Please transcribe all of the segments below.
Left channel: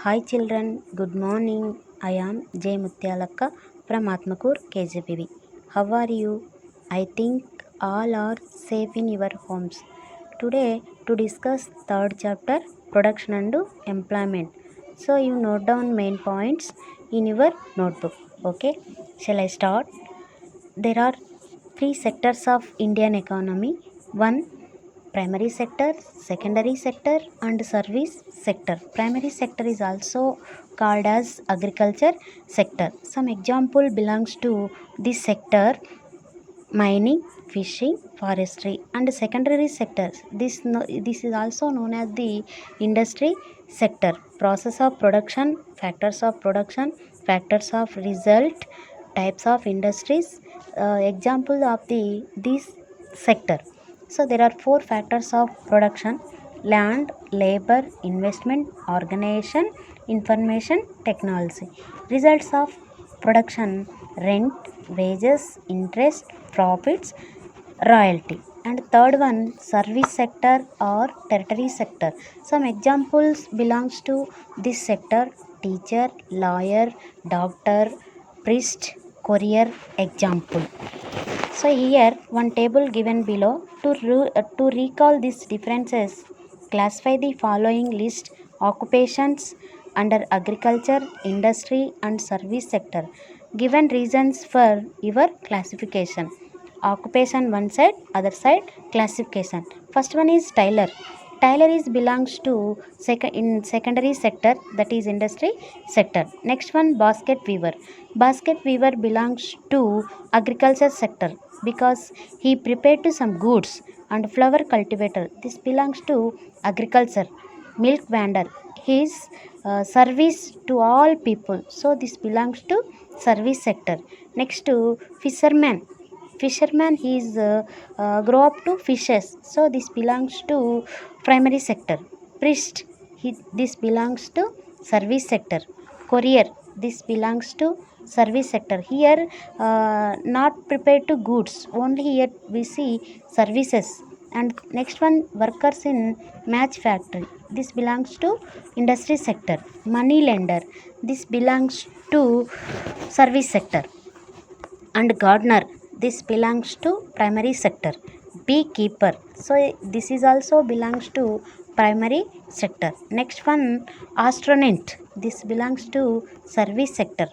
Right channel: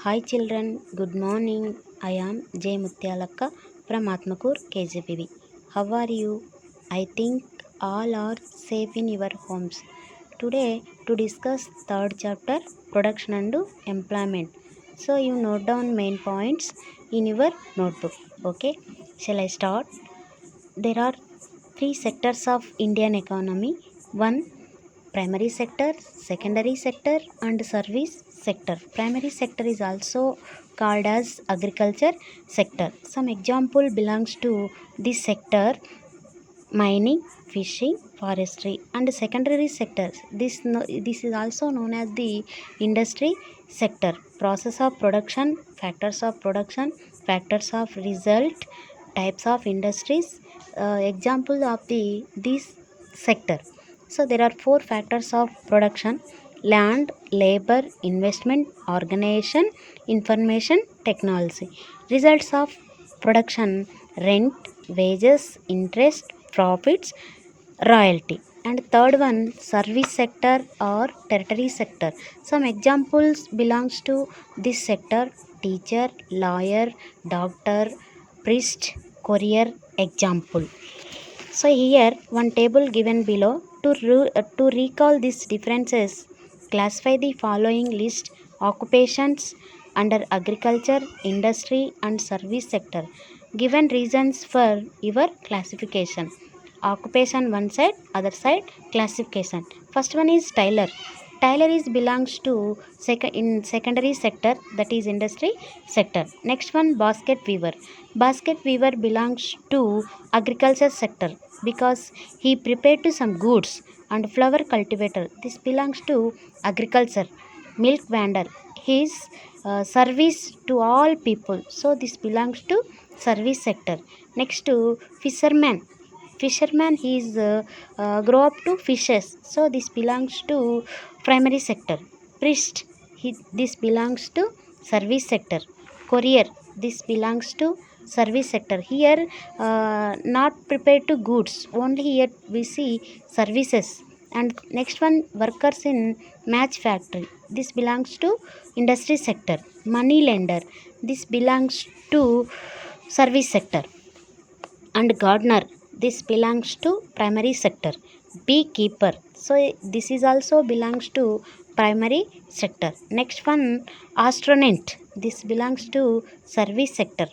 Hi children, good morning. I am J Mutyalakka from Atmakur KJPV. How are you? I think all are safe in your homes. Today to discuss third chapter production and employment. So you note down main points in your notebook. Okay? Shall I start? There are three sectors of Indian economy. One, primary sector, secondary sector and service sector. Primary sector is also called as agriculture sector. Some example belongs to this sector: mining, fishing, forestry. And secondary sectors, this is also known as the industry sector. Process of production, factors of result, types of industries. Example of the this sector. So there are four factors of production: land, labor, investment, organization, information technology. Results of production: rent, wages, interest, profits, royalty. And third one, service sector or tertiary sector. Some examples belongs to this sector: teacher, lawyer, doctor, priest, courier. Example. So here one table given below. To recall these differences, classify the following list occupations under agriculture, industry and service sector. Given reasons for your classification. Occupation one side, other side classification. First one is tailor. Tailor is belongs to in secondary sector, that is industry sector. Next one, basket weaver. Basket weaver belongs to agriculture sector because he prepared to some goods. And flower cultivator, this belongs to agriculture. Milk vendor, his service to all people, so this belongs to service sector. Next to fisherman, he is grow up to fishes, so this belongs to primary sector. Priest, this belongs to service sector. Courier, this belongs to service sector. Here not prepared to goods, only here we see services. And next one, workers in match factory, this belongs to industry sector. Money lender, this belongs to service sector. And gardener, this belongs to primary sector. Beekeeper, so this is also belongs to primary sector. Next one, astronaut, this belongs to service sector.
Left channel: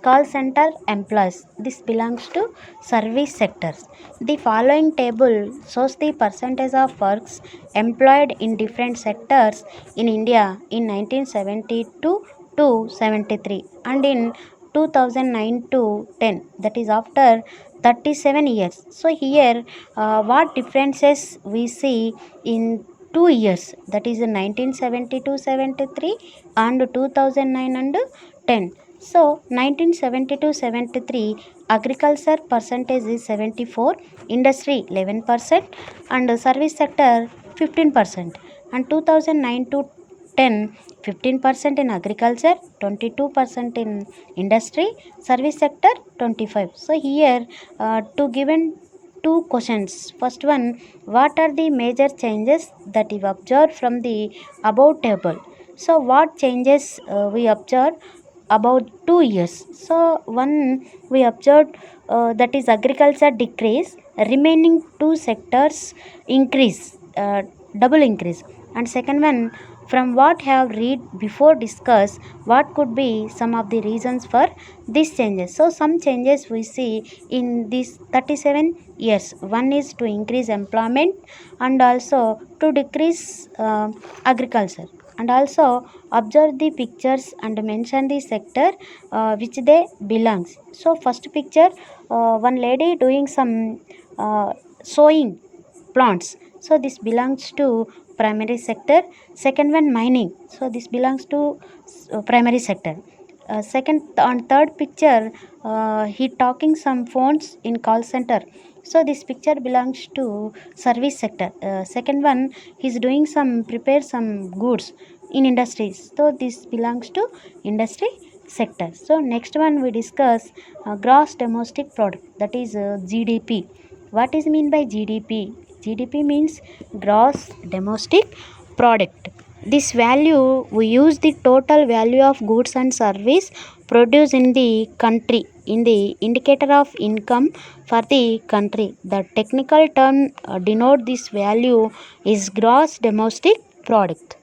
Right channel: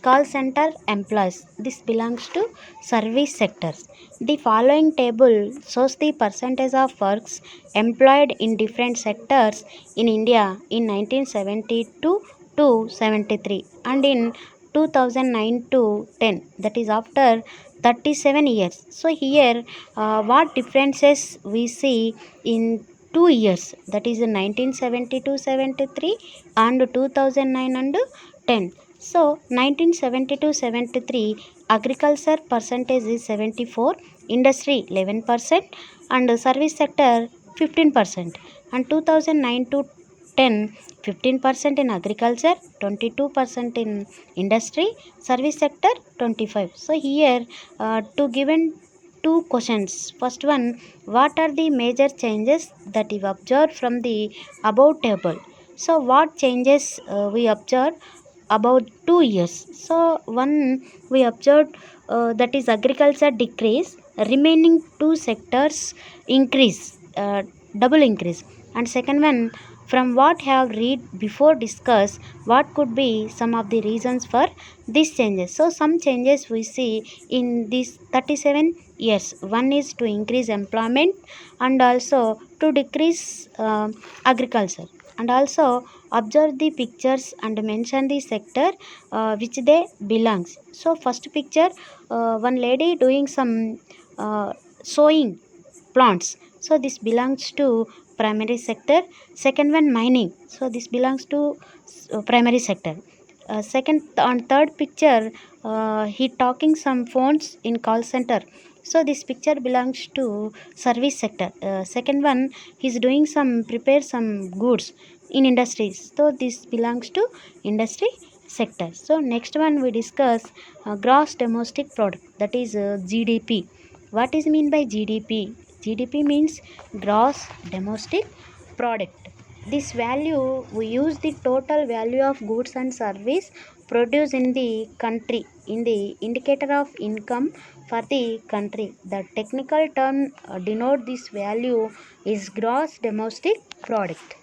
Call center employees, this belongs to service sectors. The following table shows the percentage of works employed in different sectors in India in 1972 to 73 and in 2009 to 10, that is after 37 years. So here what differences we see in 2 years, that is in 1972-73 and 2009 and 10. So 1972-73 agriculture percentage is 74, industry 11% and service sector 15%. And 2009 to 10, 15% in agriculture, 22% in industry, service sector 25. So here to given two questions. First one, what are the major changes that you observed from the above table? So what changes we observed about 2 years? So one, we observed that is agriculture decrease, remaining two sectors increase, double increase. And second one, from what have read before discuss, what could be some of the reasons for these changes? So some changes we see in these 37 years. One is to increase employment and also to decrease agriculture. And also observe the pictures and mention the sector which they belongs. So first picture, one lady doing some sowing plants, so this belongs to primary sector. Second one, mining, so this belongs to primary sector. Second on third picture, he talking some phones in call center, so this picture belongs to service sector. Second one, he's doing some prepare some goods in industries, so this belongs to industry sector. So next one we discuss gross domestic product, that is GDP. What is mean by GDP? GDP means gross domestic product. This value we use the total value of goods and service produced in the country in the indicator of income for the country. The technical term denote this value is gross domestic product.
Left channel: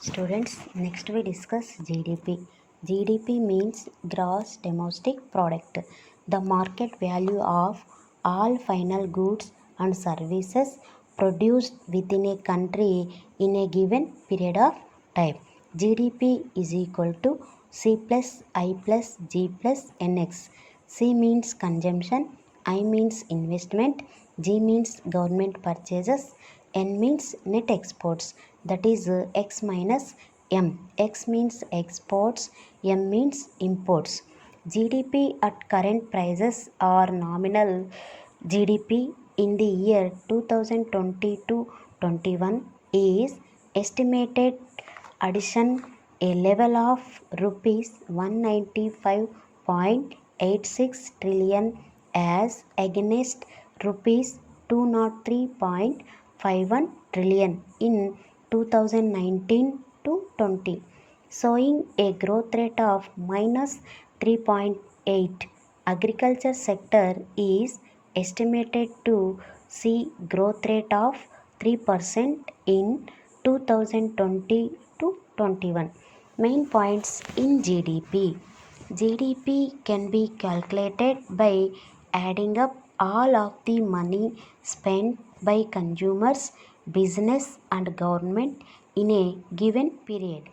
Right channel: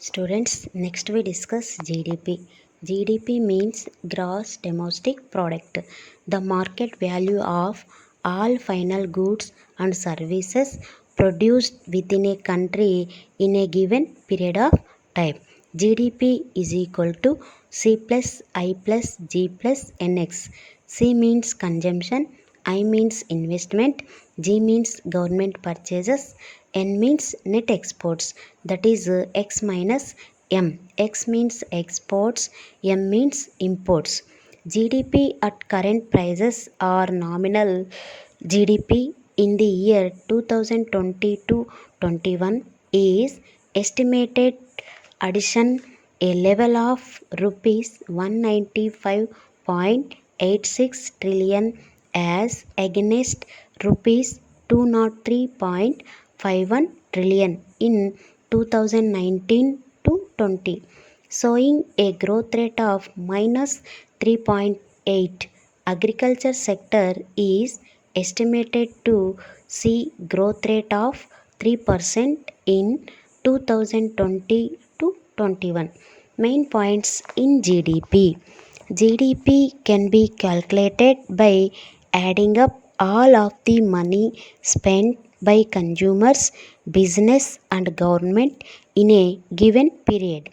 Students, next we discuss GDP. GDP means gross domestic product, the market value of all final goods and services produced within a country in a given period of time. GDP is equal to C plus I plus G plus NX. C means consumption, I means investment, G means government purchases, N means net exports, that is X minus M. X means exports, M means imports. GDP at current prices or nominal GDP in the year 2020-21 is estimated addition a level of rupees 195.86 trillion as against rupees 203.51 trillion in 2019 to 20, showing a growth rate of minus 3.8. Agriculture sector is estimated to see growth rate of 3% in 2020 to 21. Main points in GDP. GDP can be calculated by adding up all of the money spent by consumers, business and government in a given period.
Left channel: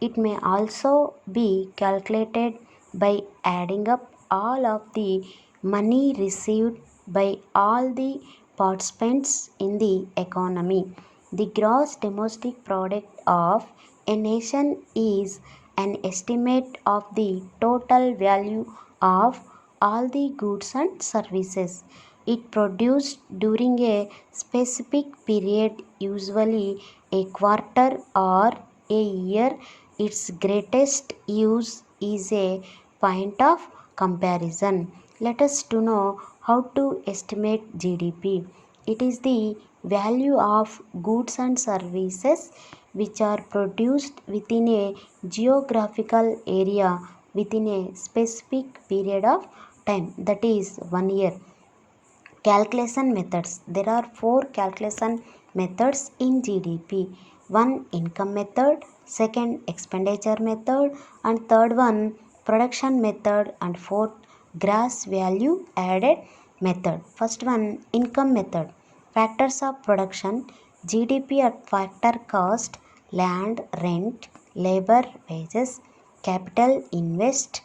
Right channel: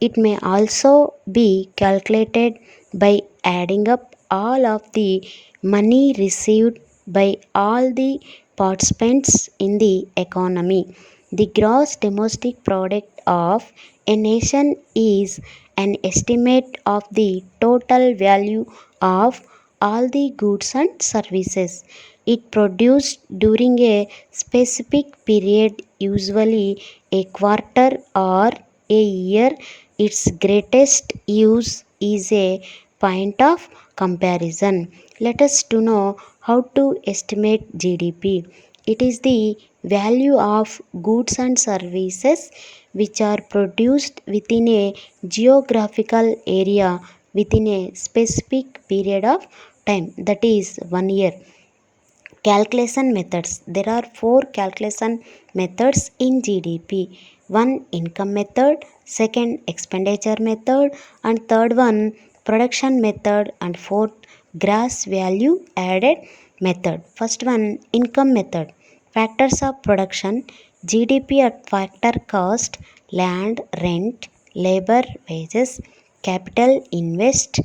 It may also be calculated by adding up all of the money received by all the participants in the economy. The gross domestic product of a nation is an estimate of the total value of all the goods and services it produced during a specific period, usually a quarter or a year. Its greatest use is a point of comparison. Let us to know how to estimate GDP. It is the value of goods and services which are produced within a geographical area within a specific period of time, that is 1 year. Calculation methods. There are four calculation methods in GDP. One, income method, second, expenditure method, and third one, production method, and fourth, gross value added method. First one, income method. Factors of production. GDP at factor cost, land, rent, labor, wages, capital investor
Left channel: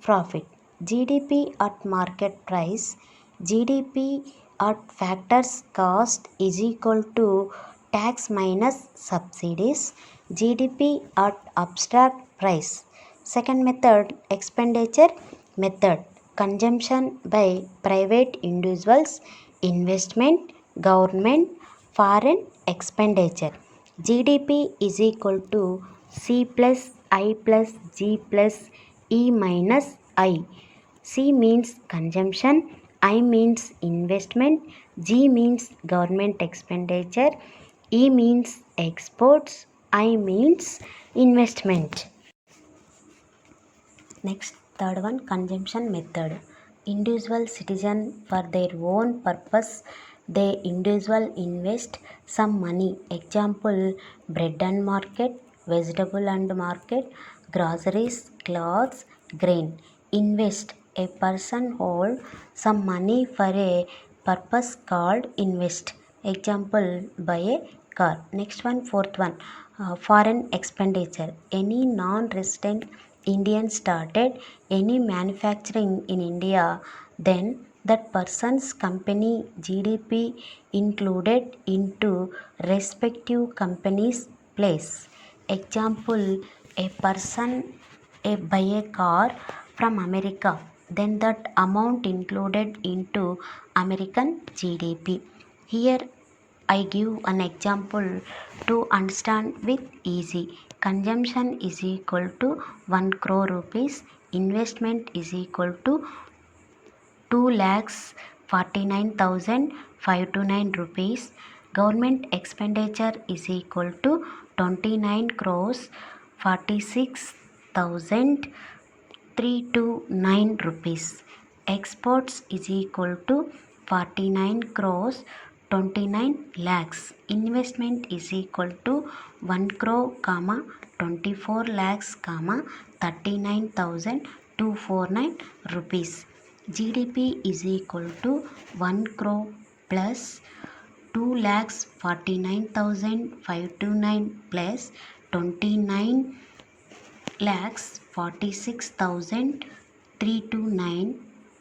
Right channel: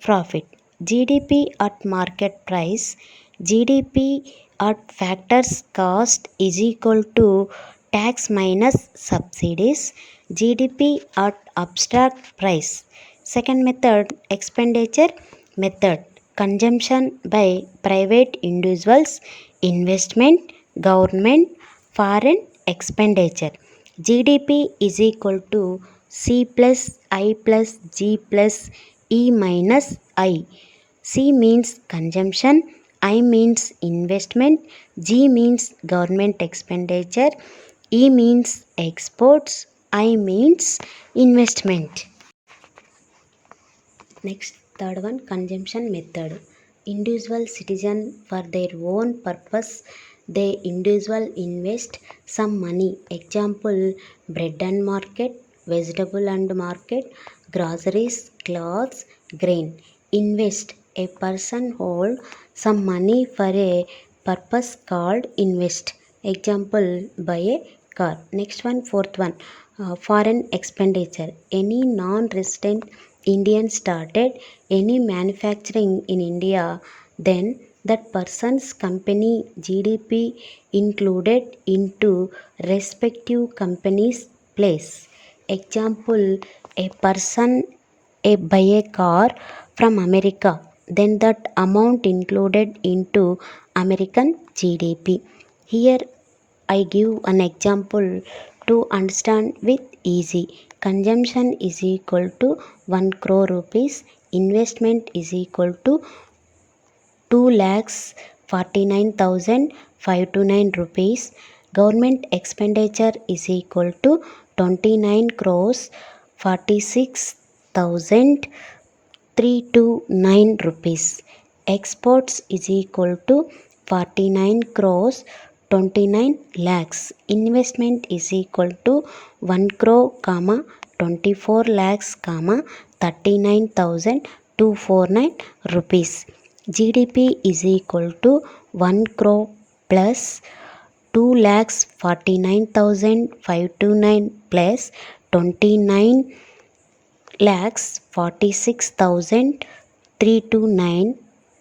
profit. GDP at market price. GDP at factors cost is equal to tax minus subsidies. GDP at abstract price. Second method, expenditure method. Consumption by private individuals, investment, government, foreign expenditure. GDP is equal to C plus I plus G plus E minus I. C means consumption, I means investment, G means government expenditure, E means exports, I means investment. Next, third one, consumption method. Individual citizen for their own purpose, they individual invest some money. Example, bread and market, vegetable and market, groceries, clothes, grain. Invest. A person hold some money for a purpose called invest. Example, buy a car. Next one, fourth one, foreign expenditure. Any non-resident Indian started any manufacturing in India, then that person's company GDP included into respective company's place. Example, a person buy a car from America, then that amount included into American GDP. Here I give an example to understand with easy. Consumption is equal to 1 crore rupees. Investment is equal to 2 lakhs 49,529 rupees. Government expenditure is equal to 29 crores 46,329 rupees. Exports is equal to 49 crores 29 lakhs. Investment is equal to 1 crore, 24 lakhs, 39,249 rupees. GDP is equal to 1 crore plus 2,49,529 plus 29 lakhs 46,329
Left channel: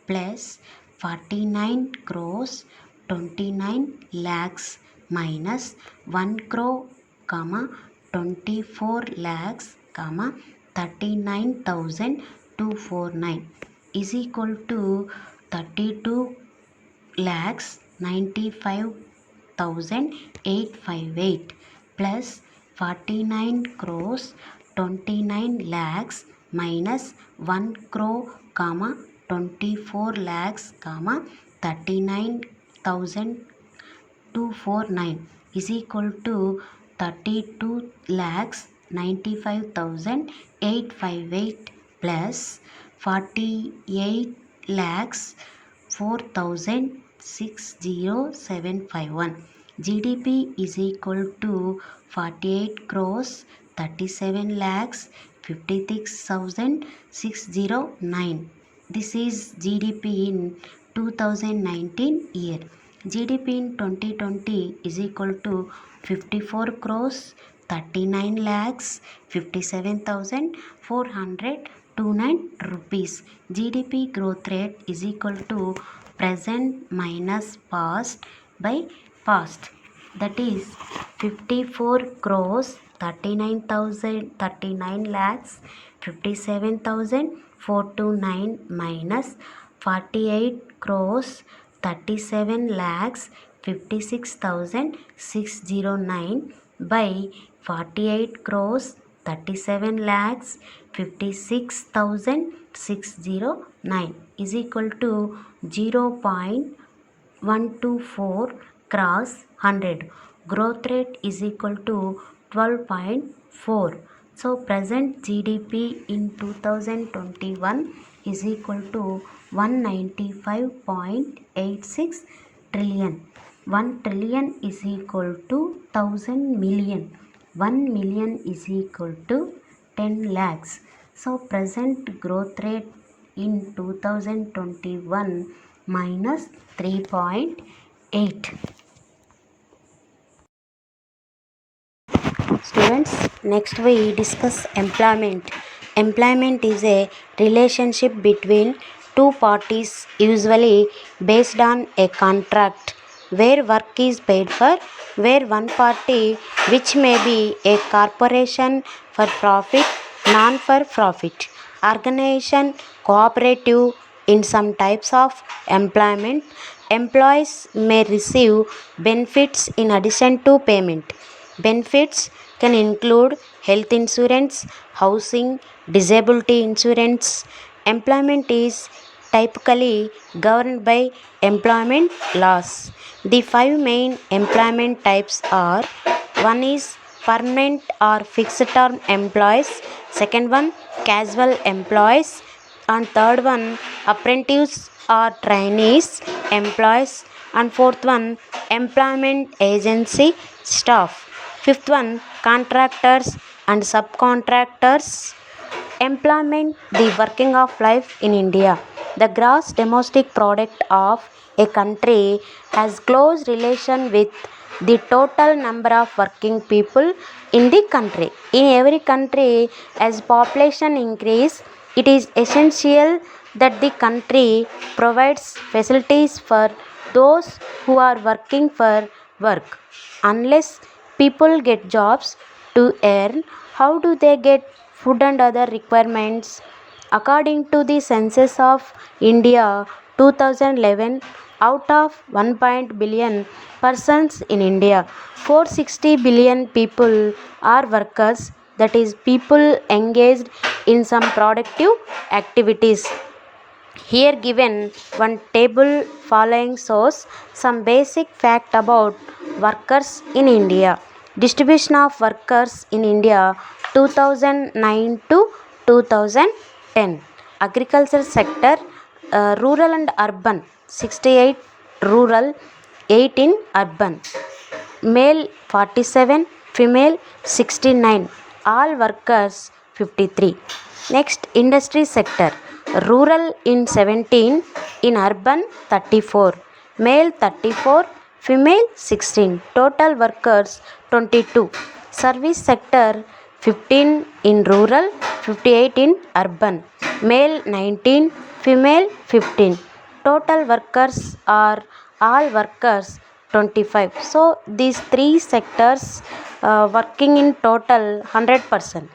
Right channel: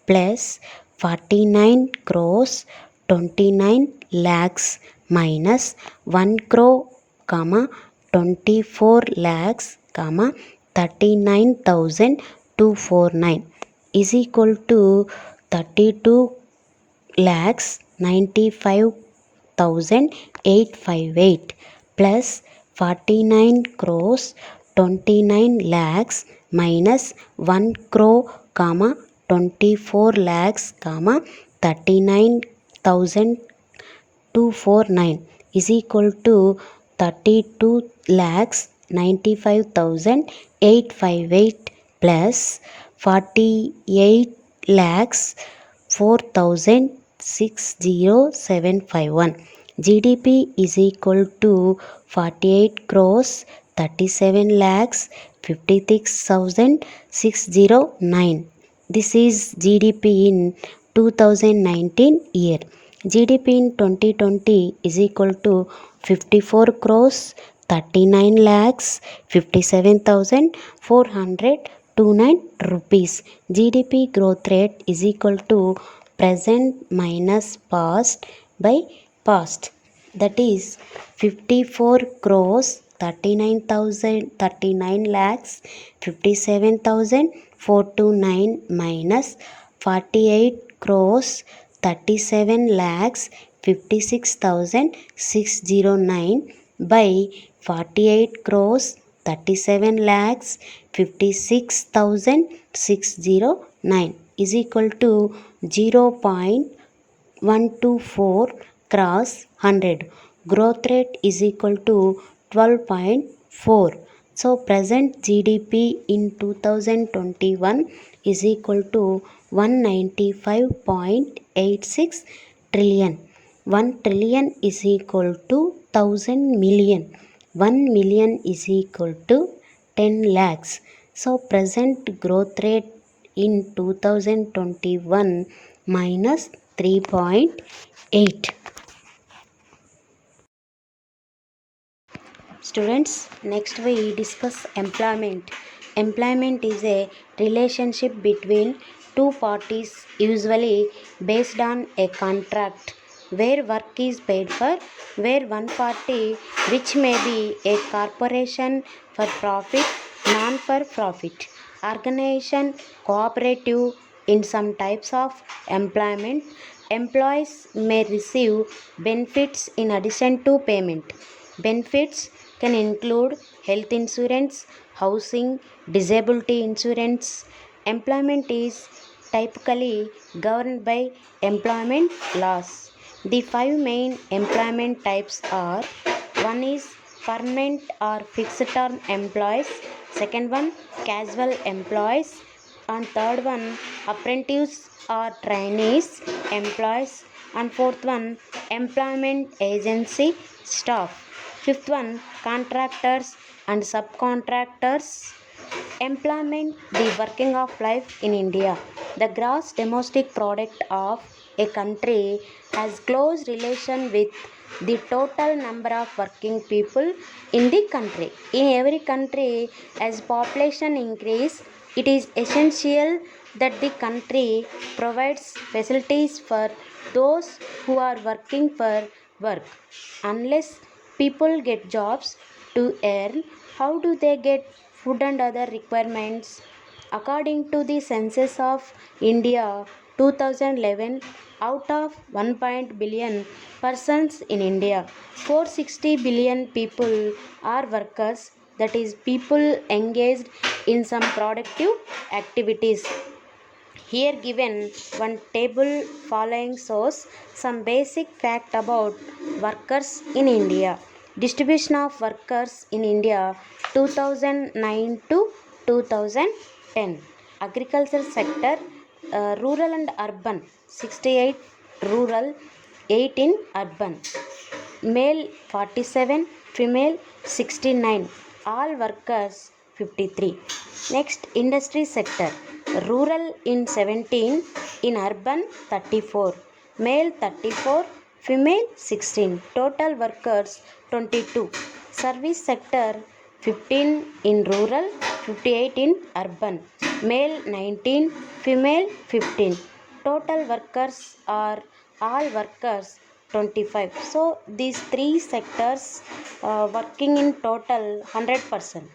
plus 49 crores 29 lakhs minus 1 crore, 24 lakhs, 39,249 is equal to 32 lakhs 95,858 plus 49 crores 29 lakhs minus 1 crore, 24 lakhs, 39,249 is equal to 32 lakhs 95,858 plus 48 lakhs 4,60751. GDP is equal to 48 crores 37 lakhs 56,609. This is GDP in 2019 year. GDP in 2020 is equal to 54 crores 39 lakhs 57,429 rupees. GDP growth rate is equal to present minus past by past. That is 54 crores 39 lakhs 57,429 minus 48 crores 37 lakhs 56,609 by 48 crores 37 lakhs 56,609 is equal to 0.124 cross 100. Growth rate is equal to 12.4. So present GDP in 2021 is equal to 195.86 trillion. 1 trillion is equal to 1000 million. 1 million is equal to 10 lakhs. So present growth rate in 2021 minus 3.8. Students, next we discuss employment. Employment is a relationship between two parties, usually based on a contract where work is paid for, where one party, which may be a corporation for profit, non for profit, organization, cooperative. In some types of employment, employees may receive benefits in addition to payment. Benefits can include health insurance, housing, disability insurance. Employment is typically governed by employment laws. The five main employment types are: one is permanent or fixed term employees, second one casual employees, and third one apprentices or trainees employees, and fourth one employment agency staff, fifth one contractors and subcontractors. Employment, the working of life in India. The gross domestic product of a country has close relation with the total number of working people in the country. In every country, as population increase, it is essential that the country provides facilities for those who are working for work. Unless people get jobs to earn, how do they get food and other requirements? According to the census of India 2011, out of 1 billion persons in India, 460 billion people are workers, that is, people engaged in some productive activities. Here given one table following shows some basic fact about workers in India. Distribution of workers in India 2009 to 2010. Agriculture sector, rural and urban 68, rural 18, urban. Male 47, female 69, all workers 53. Next, industry sector, rural in 17, in urban 34, male 34, female 16, total workers 22. Service sector 15 in rural, 58 in urban, male 19, female 15, total workers are all workers 25. So these three sectors working in total 100%.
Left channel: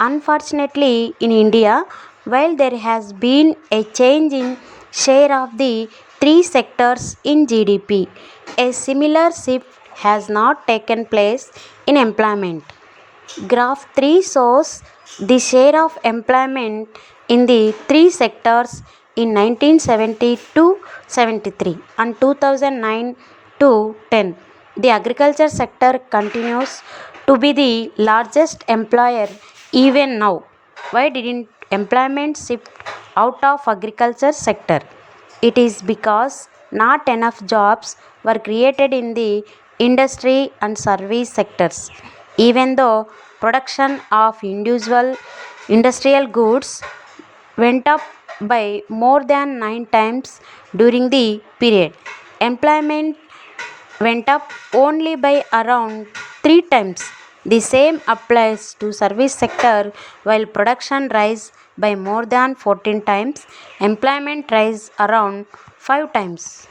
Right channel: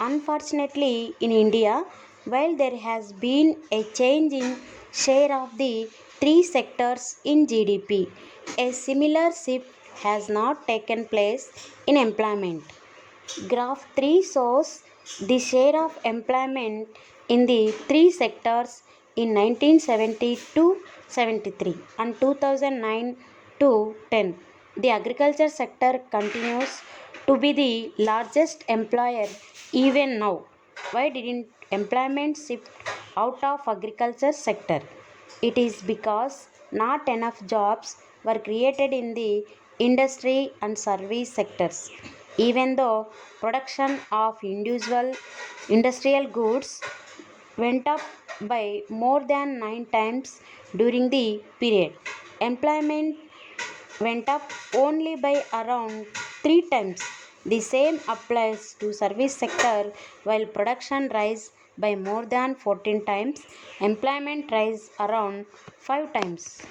Unfortunately, in India, while there has been a change in share of the three sectors in GDP, a similar shift has not taken place in employment. Graph 3 shows the share of employment in the three sectors in 1970 to 73 and 2009 to 10. The agriculture sector continues to be the largest employer even now. Why didn't employment shift out of agriculture sector? It is because not enough jobs were created in the industry and service sectors. Even though production of individual industrial goods went up by more than 9 times during the period, employment went up only by around 3 times. The same applies to service sector. While production rise by more than 14 times, employment rise around 5 times.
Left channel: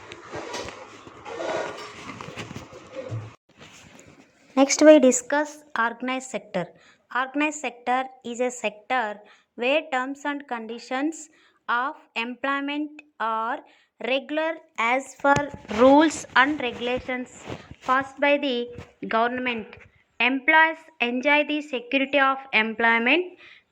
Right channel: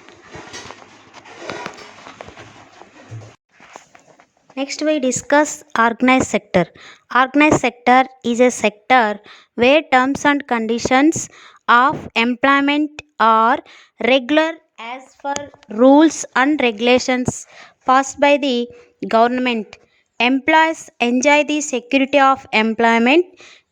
Next, we discuss organized sector. Organized sector is a sector where terms and conditions of employment are regular as per rules and regulations passed by the government. Employees enjoy the security of employment.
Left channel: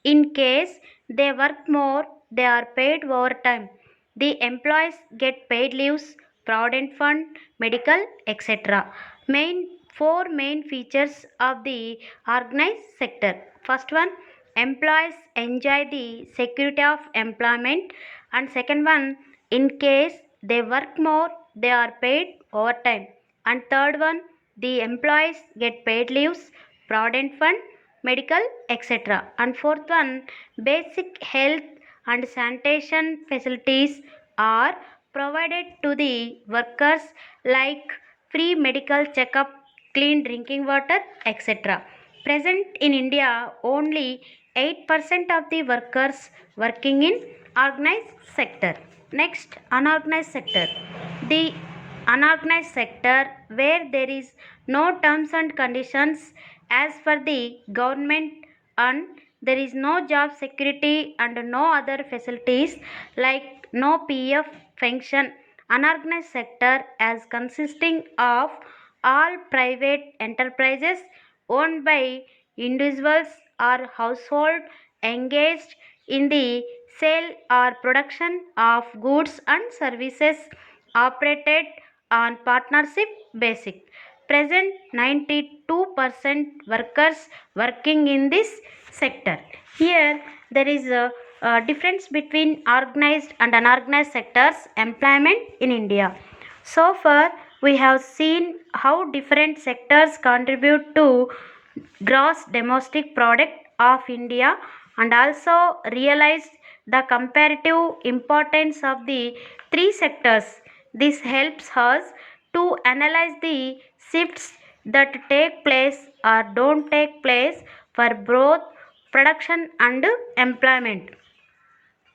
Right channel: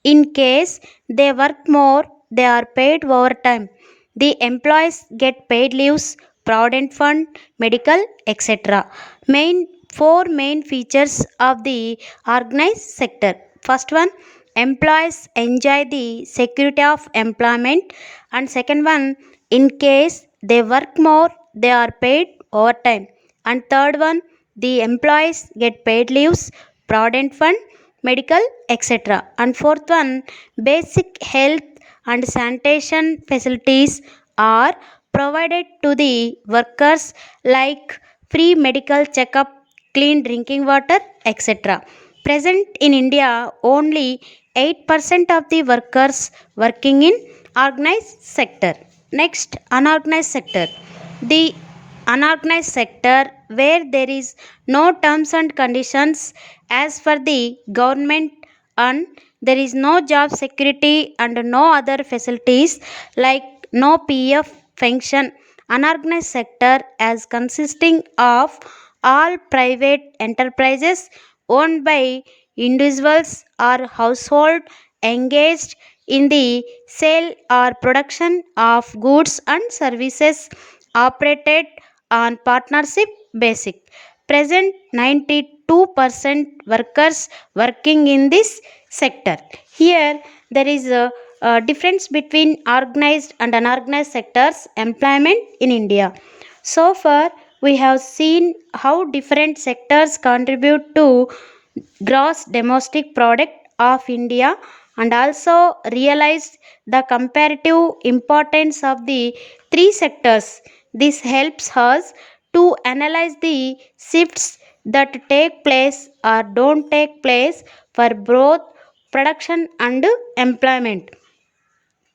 In case they work more, they are paid overtime. The employees get paid leaves, provident fund, medical, etc. Main Four main features of the organized sector. First one, employees enjoy the security of employment, and second one, in case they work more, they are paid overtime, and third one, the employees get paid leaves, provident fund, medical, etc. And fourth one, basic health and sanitation facilities are provided to the workers like free medical checkup, clean drinking water, etc. Present in India, only 8% of the workers working in organized sector. Next, unorganized sector. The unorganized sector where there is no terms and conditions as per the government, and there is no job security and no other facilities like no PF function. Unorganized sector as consisting of all private enterprises owned by individuals or household engaged in the sale or production of goods and services operated on partnership basis. Present 92% workers working in this sector. Here there is a difference between organized and unorganized sectors employment in India. So far we have seen how different sectors contribute to gross domestic product of India, and also realized the comparative importance of the three sectors. This helps us to analyze the shifts that take place or don't take place for both production and employment.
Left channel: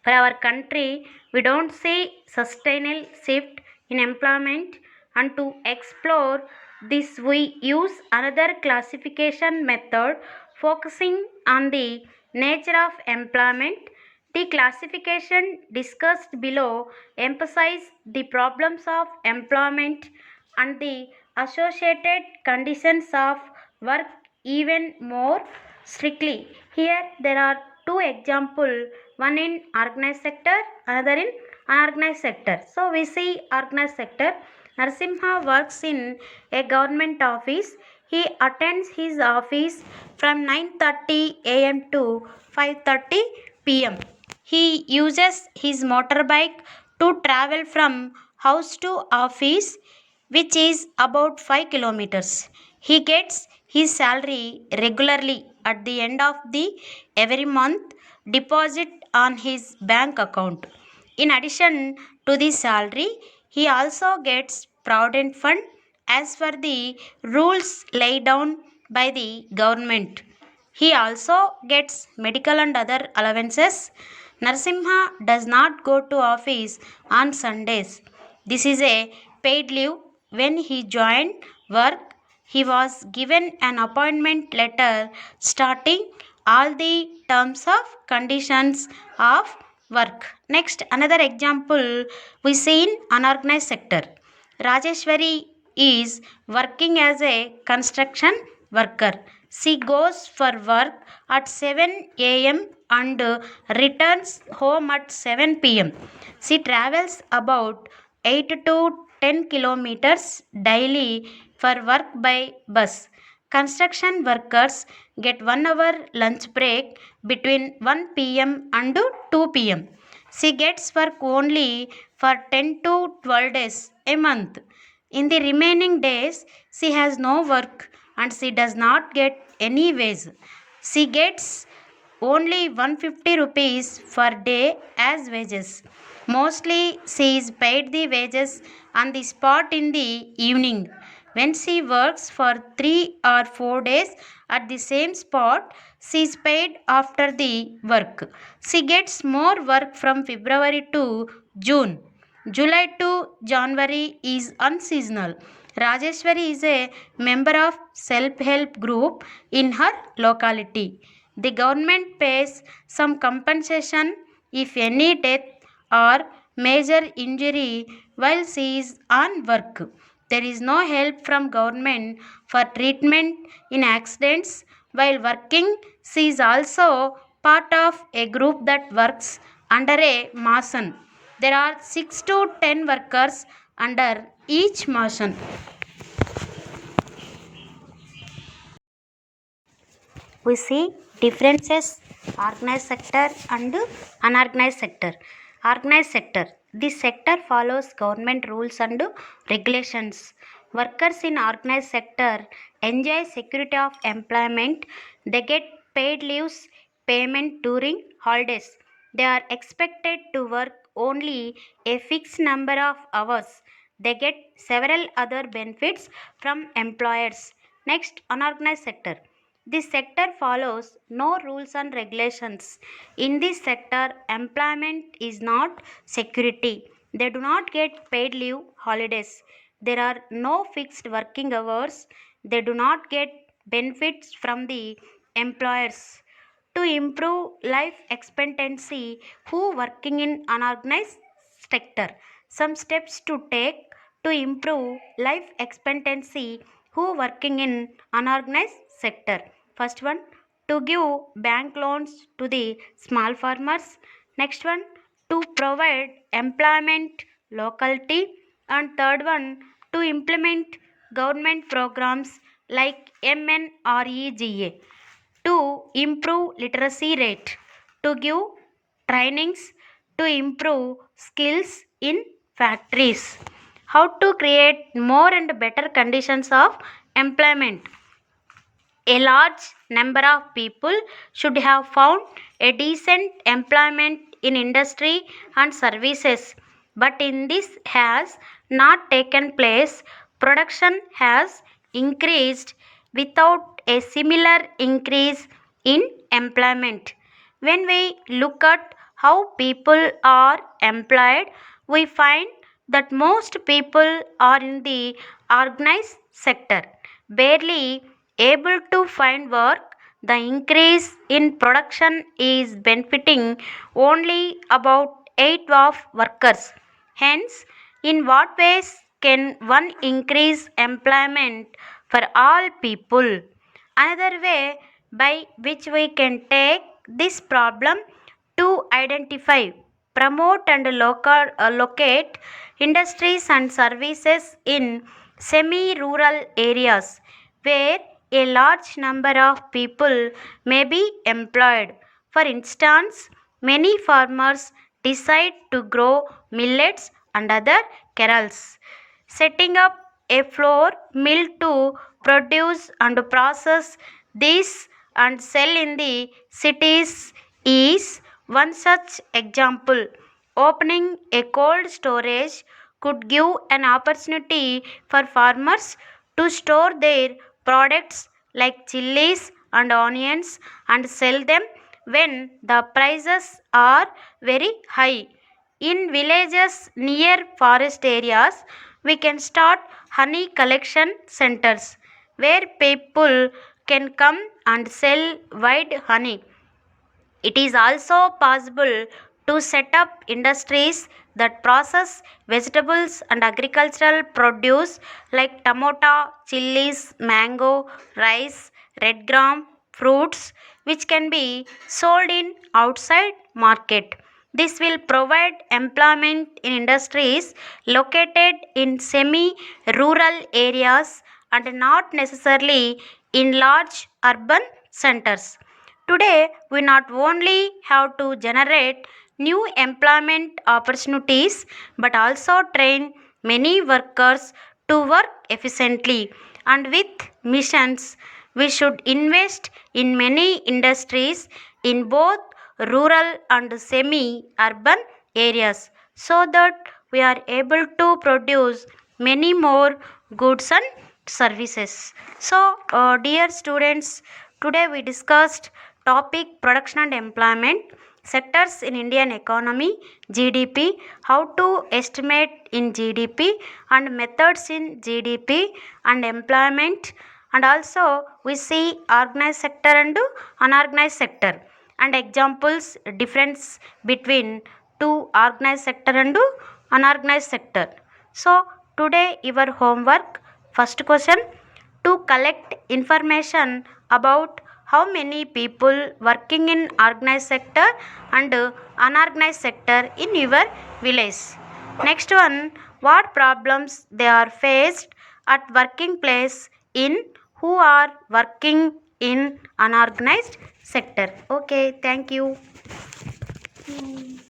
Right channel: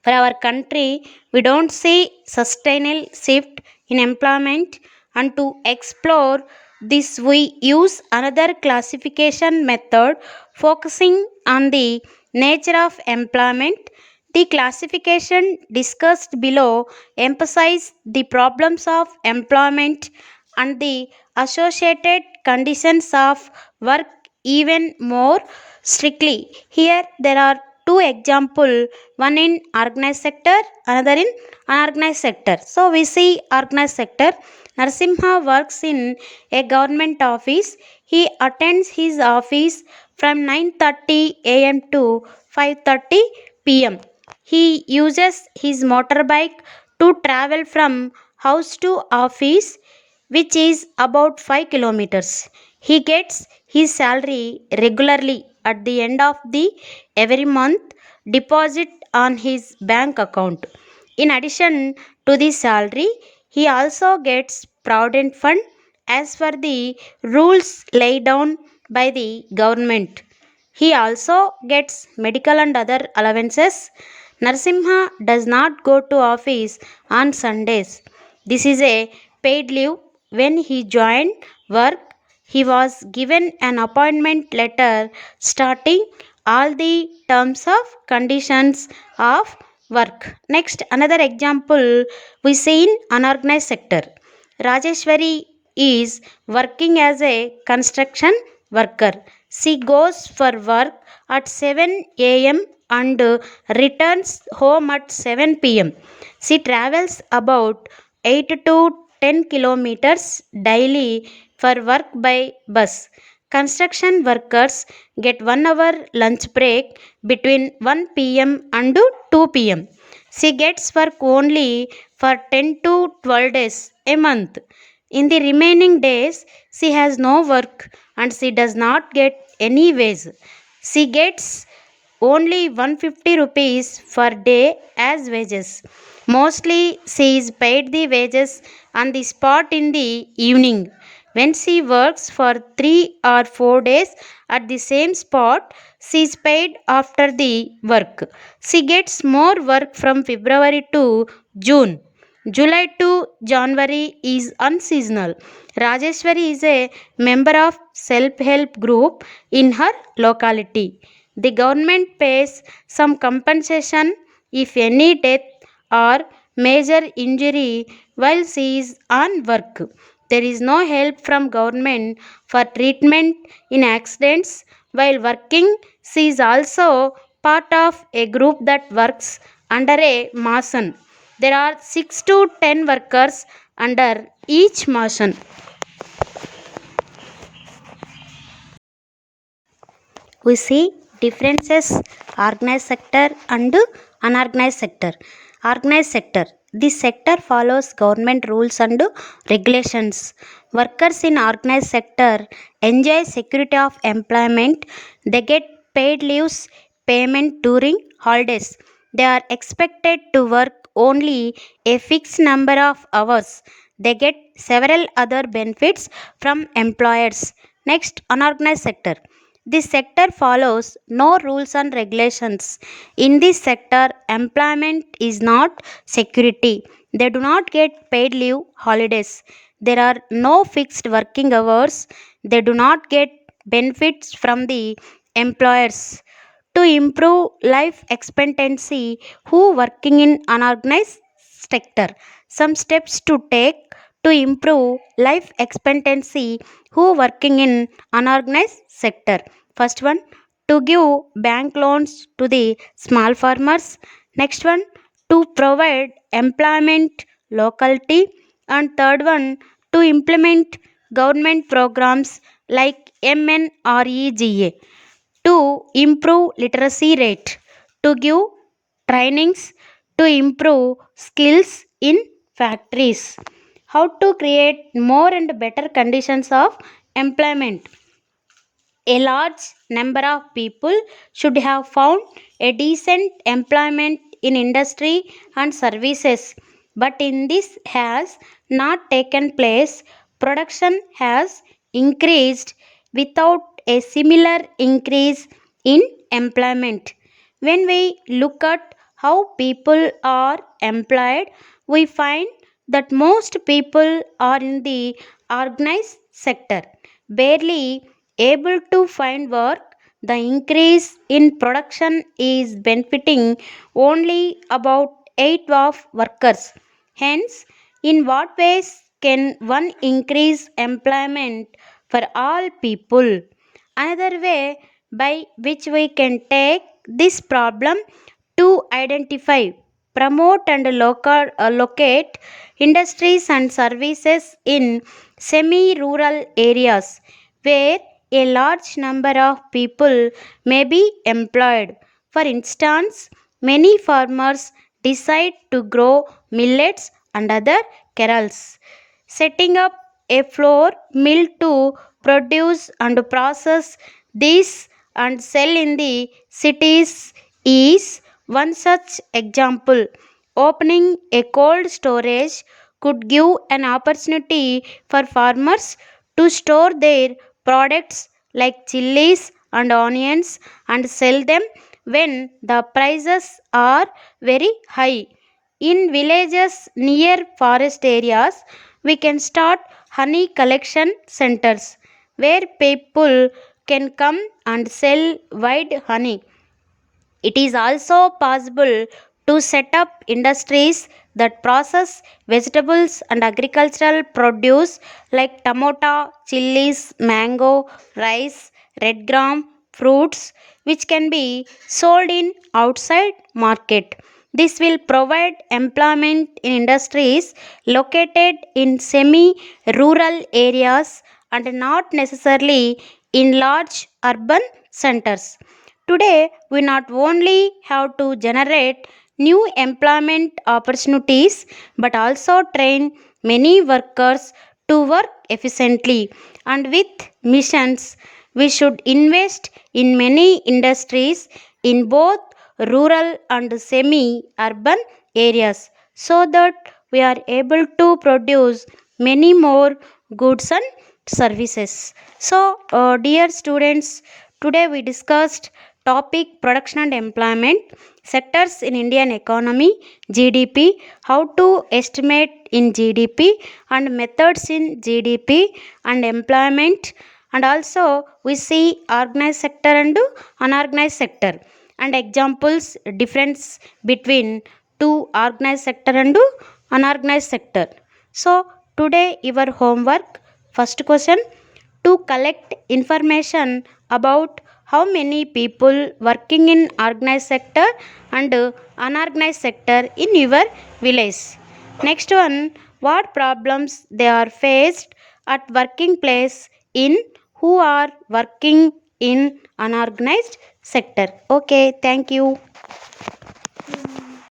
For our country, we don't see sustainable shift in employment, and to explore this we use another classification method focusing on the nature of employment. The classification discussed below emphasize the problems of employment and the associated conditions of work even more strictly. Here there are two example, one in organized sector, another in unorganized sector. So we see organized sector. Narasimha works in a government office. He attends his office from 9:30 a.m. to 5:30 p.m. He uses his motorbike to travel from house to office, which is about 5 kilometers. He gets his salary regularly at the end of the every month deposit on his bank account. In addition to the salary, he also gets provident fund as per the rules laid down by the government. He also gets medical and other allowances. Narasimha does not go to office on Sundays. This is a paid leave. When he joined work, he was given an appointment letter starting all the terms of conditions of work. Next, another example we see in unorganized sector. Rajeshwari is working as a construction worker. She goes for work at 7 a.m. and returns home at 7 p.m. She travels about 8 to 10 kilometers daily for work by bus. Construction workers get 1 hour lunch break between 1 p.m. and 2 p.m. She gets work only for 10 to 12 days a month. In the remaining days, she has no work and she does not get any wage. She gets only 150 rupees per day as wages. Mostly she is paid the wages on the spot in the evening. When she works for 3 or 4 days at the same spot, she is paid after the work. She gets more work from February to June. July to January is unseasonal. Rajeshwari is a member of self-help group in her locality. The government pays some compensation if any death or major injury while she is on work. There is no help from government for treatment in accidents while working. She is also part of a group that works under a mason. There are 6 to 10 workers under each mason. We see differences organized sector and unorganized sector. Organized sector, this sector follows government rules and regulations. Workers in organized sector enjoy security of employment. They get paid leaves, payment during holidays. They are expected to work only a fixed number of hours. They get several other benefits from employers. Next, unorganized sector, this sector follows no rules and regulations. In this sector, employment is not security. They do not get paid leave holidays. There are no fixed working hours. They do not get benefits from the employers. To improve life expectancy, who working in unorganized sector? Some steps to take to improve life expectancy who working in unorganized sector. First one, to give bank loans to the small farmers. Next one, to provide employment locality. And third one, to implement government programs like MNREGA to improve literacy rate, to give trainings to improve skills in factories. How to create more and better conditions of employment. A large number of people should have found a decent employment in industry and services, but in this has not taken place. Production has increased without a similar increase in employment. When we look at how people are employed, we find that most people are in the organized sector, barely able to find work. The increase in production is benefiting only about 8 of workers. Hence, in what ways can one increase employment for all people? Another way by which we can take this problem to identify, promote, and locate industries and services in semi rural areas where a large number of people may be employed. For instance, many farmers decide to grow millets and other cereals, setting up a flour mill to produce and process these and sell in the cities is one such example. Opening a cold storage could give an opportunity for farmers to store their products like chilies and onions and sell them when the prices are very high. In villages near forest areas, we can start honey collection centers where people can come and sell wild honey. It is also possible to set up industries that process vegetables and agricultural produce like tomato, chilies, mango, rice, red gram, fruits, which can be sold in outside market. This will provide employment in industries located in semi rural areas and not necessarily in large urban centers. Today, we not only have to generate new employment opportunities but also train many workers to work efficiently. And with missions, we should invest in many industries in both rural and semi urban areas so that we are able to produce many more goods and services. So, dear students, today we discussed topic production and employment, sectors in Indian economy, GDP, how to estimate in GDP and methods in GDP and employment, and also we see organized sector and unorganized sector and examples difference between two organized sector and unorganized sector. So today your homework, first question, to collect information about how many people working in organized sector and unorganized sector in your village. Next one, what problems they are faced at working place in who are working in unorganized sector. Okay, thank you.